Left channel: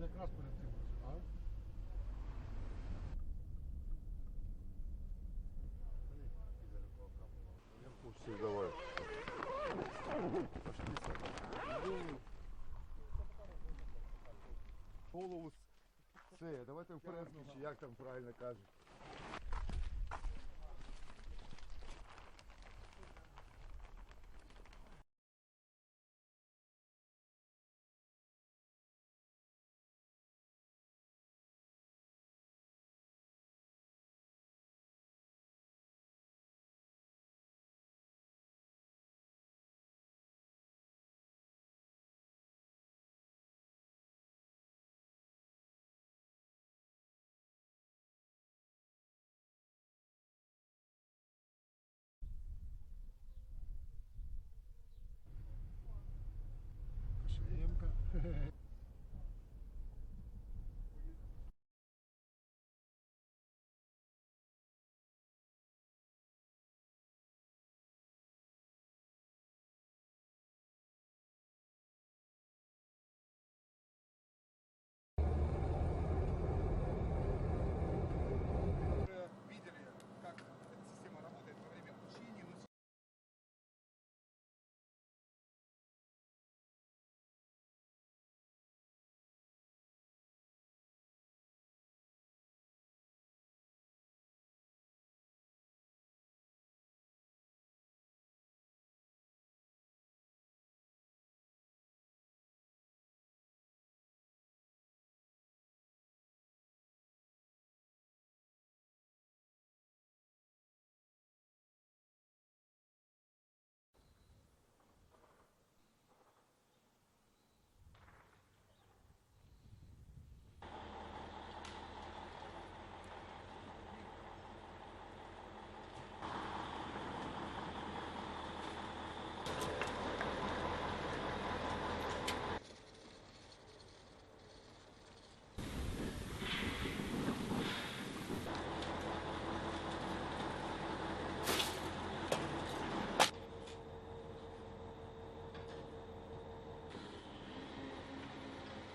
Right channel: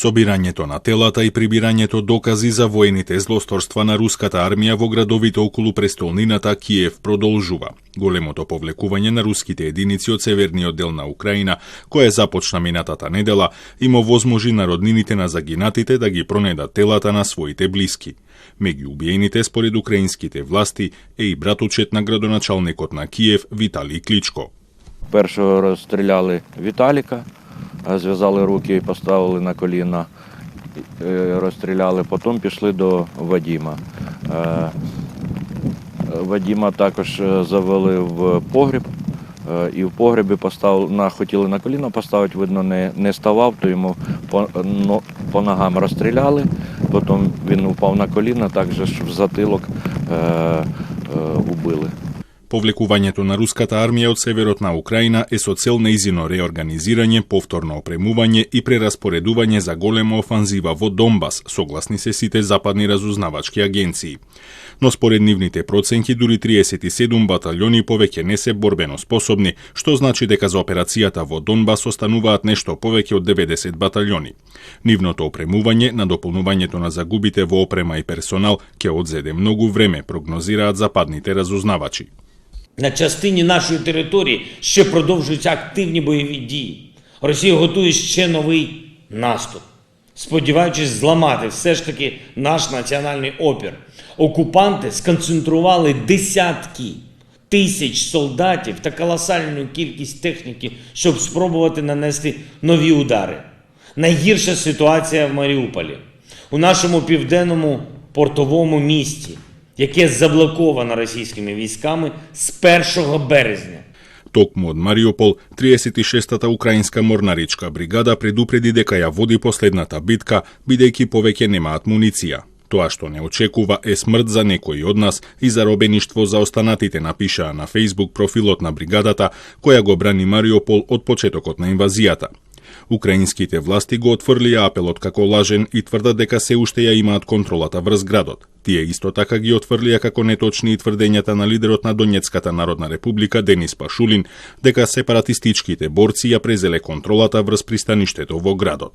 Собирањето на телата и прибирањето докази за воените злосторства на руската армија во градовите околу престолнината Киев продолжува. Големото повлекување на руските единици од северниот дел на Украина, кое започна минатата недела, им овозможи на роднините на загинатите да ги пронедат телата на своите блиски. Меѓу убиените, според украинските власти, е и братучет на градоначалникот на Киев Виталий Кличко. Першого розстріляли Віталіка, зв'язали руки і поставили на коліна, розстріляли, потім пішли до Вадима. Вадима також завели в погріб, і в погребі хотіли на коліна поставити, видно, не ставав, то йому по ногам розстріляли, потім він упав на коліна, також в затилок убили. Повлекувањето на руската армија од северот на Украина е со цел нејзино реорганизирање, повторно опремување и прераспоредување за голема офанзива во Донбас, согласни се сите западни разузнавачки агенции. Но според нивните проценки, дури 37 баталјони повеќе не се борбено способни, што значи дека за операцијата во Донбас остануваат нешто повеќе од 90 баталјони. Нивното опремување, надополнувањето на загубите во опрема и персонал ќе одзеде многу време, прогнозираат западните разузнавачи. На частині нашої території ще продовжуються активні бойові дії. Росія готує ще новий наступ, сподіваючись зламати все ж таки наш національний опір. Окупанти сконцентрували десятки тисяч солдатів та колосальну кількість техніки, щоб спробувати нанести нові удари. Найгірша ситуація в Маріуполі, у нашому південному портовому місті, яке заблоковано російськими військами з 1 березня. Токму од Мариупол, 36-та украинска морнаричка бригада предупреди дека ја води последната битка, бидејќи повеќе немаат муниција. Тоа што не очекува е смрт за некои од нас и заробеништво за останатите, напишаа на Facebook профилот на бригадата, која го брани Мариупол од почетокот на инвазијата. Украинските власти го отфрлија апелот како лажен и тврдат дека се уште ја имаат контролата врз градот. Тие исто така ги отфрлија како неточни и тврдењата на лидерот на Донецката народна република Денис Пашулин дека сепаратистичките борци ја презеле контролата врз пристаништето во градот.